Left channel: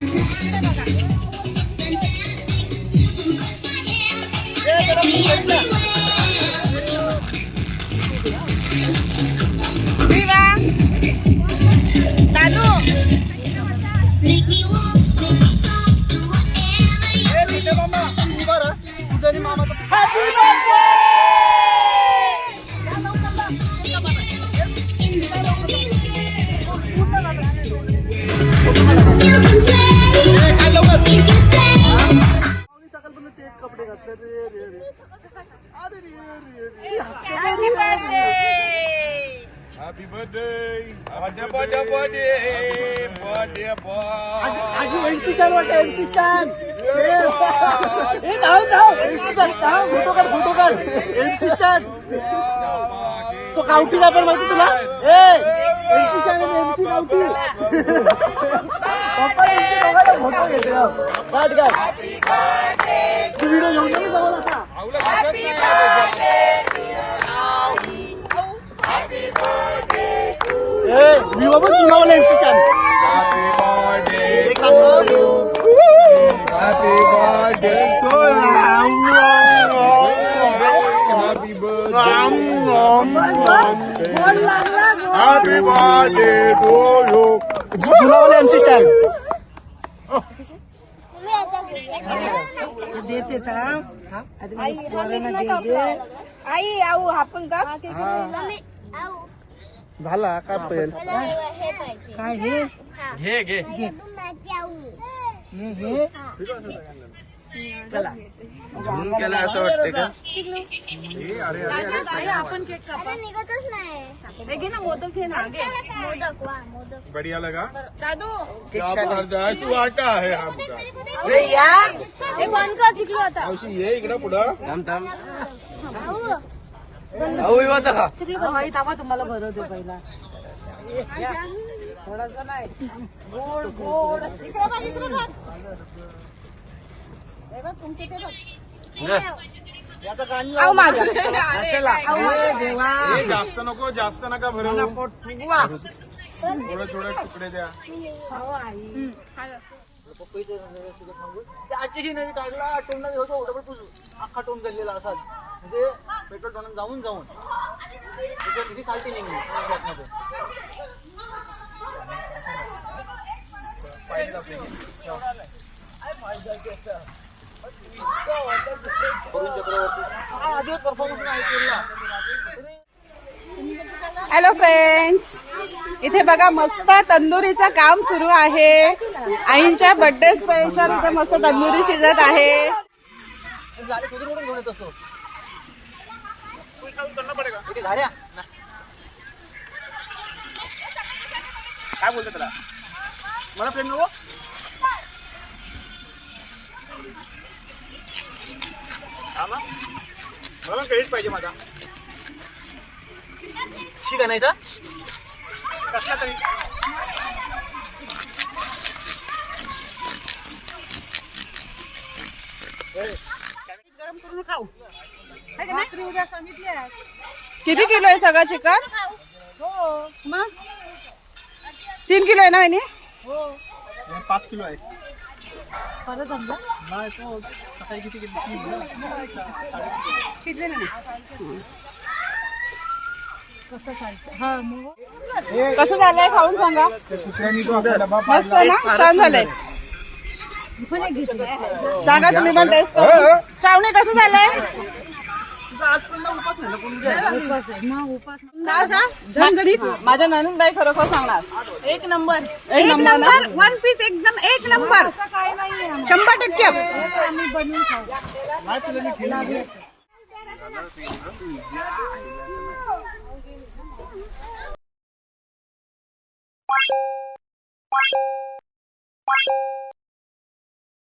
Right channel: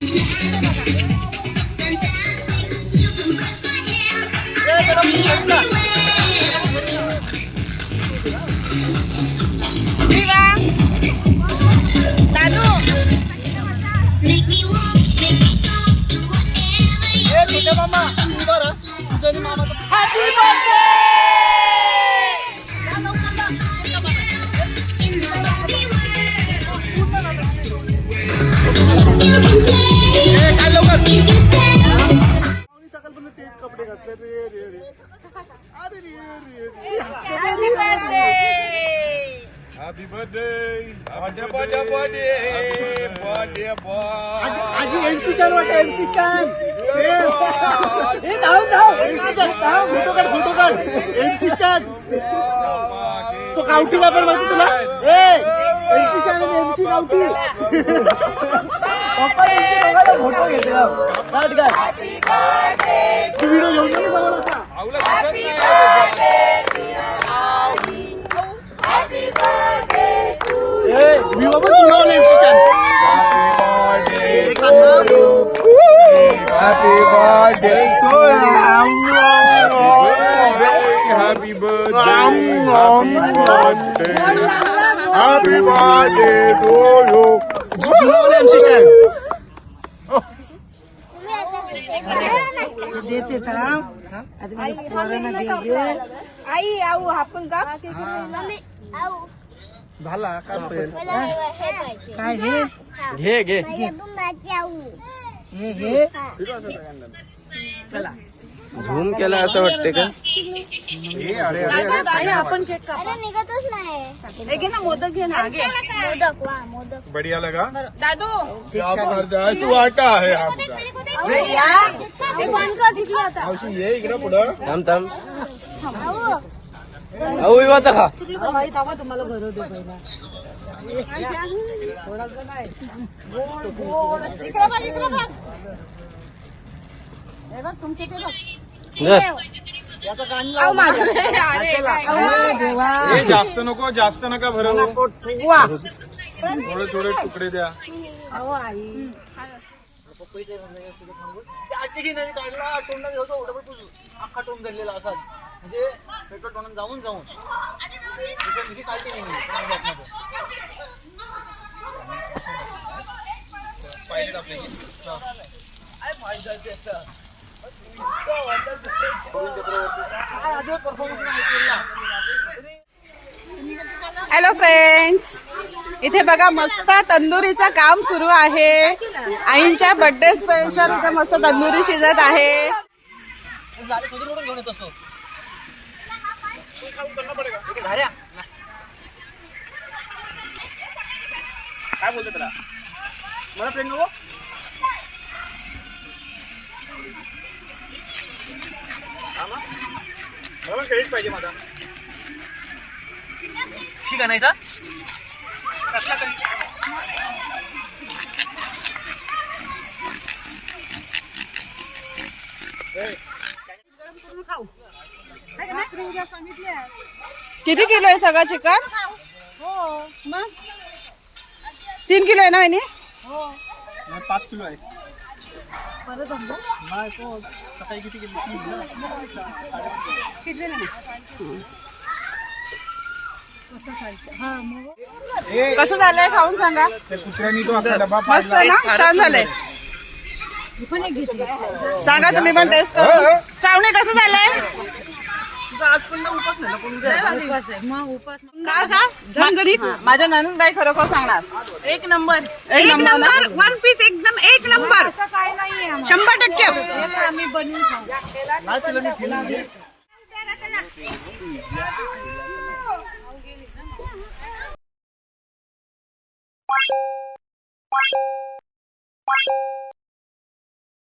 दादू मामा तुझं मामाचं कपडे घातले Happy birthday! Birthday boy! आज एमसी स्टॅन वाटतं एमसी स्टॅन. हे धाव एमसी स्टॅन फोटो काढ एमसी स्टॅन. तो कावटीला पण माहिती तुला एमसी स्टॅन एमसी कावटी. पप्पा फोटो घेतला काढ तू व्हिडिओ घेऊन जा जवळ असा. मी बाबा तुम्हाला MC Stan. Happy birthday to you. Happy birthday to you. देते था आता माझ्या पोरांना दे आई आऊ आपण का झालं काय काय हे घे हे चला झूम केला असं वाटते का. आपण केक कापा निघतच नाही. घे ना मोदक घे ना मोदक बढ़िया लगा दादू. जबरदस्त वाटा आहे आमचा. ये इकडं पुढं थांब अहो विवाचा खा तुम्हाला भरव दे पहिला गोड गोड जास्त नको जास्त नका भरव. थोडे तुकडे द्या. आजची नदी काढला टोंडा घ्यायचा ओढा पुजू अख्खा टोंड झालेला असाच म्हणजे पेट्रोल टोंड जाऊन तुझी कालती नाही पाहिजे आपले हॅलो फ्रेंड्स, इथे बघा मस्त तंदुरीचं काम सुरू आहे. आईंच्या बर्थडे स्पेशल इथे मस्त तंदुरी शिजत आहे. काय बोलतो त्याला मला फ्रेंड नको मला क्रेडिट पाहिजे माझा. शिक आणायचा कसला तरी किती किलो आहे सगळं चिकन. मग 3 किलो आहे ना वहिनी. 5 किलो आहे. नाही तो सकाळी किती किलो शिजले ना. कसं झालंय खाऊन सांगा. मस्त ना, छान झालंय. सांगा तुम्ही पण टेस्ट करून. श्रावणी कसं झालंय. झणझणीत. माझ्या ननूनबाई खरोखर सांगणार एक नंबर 1 पीस एकदम 1 नंबर 100%. आम्ही बनवून खाऊ.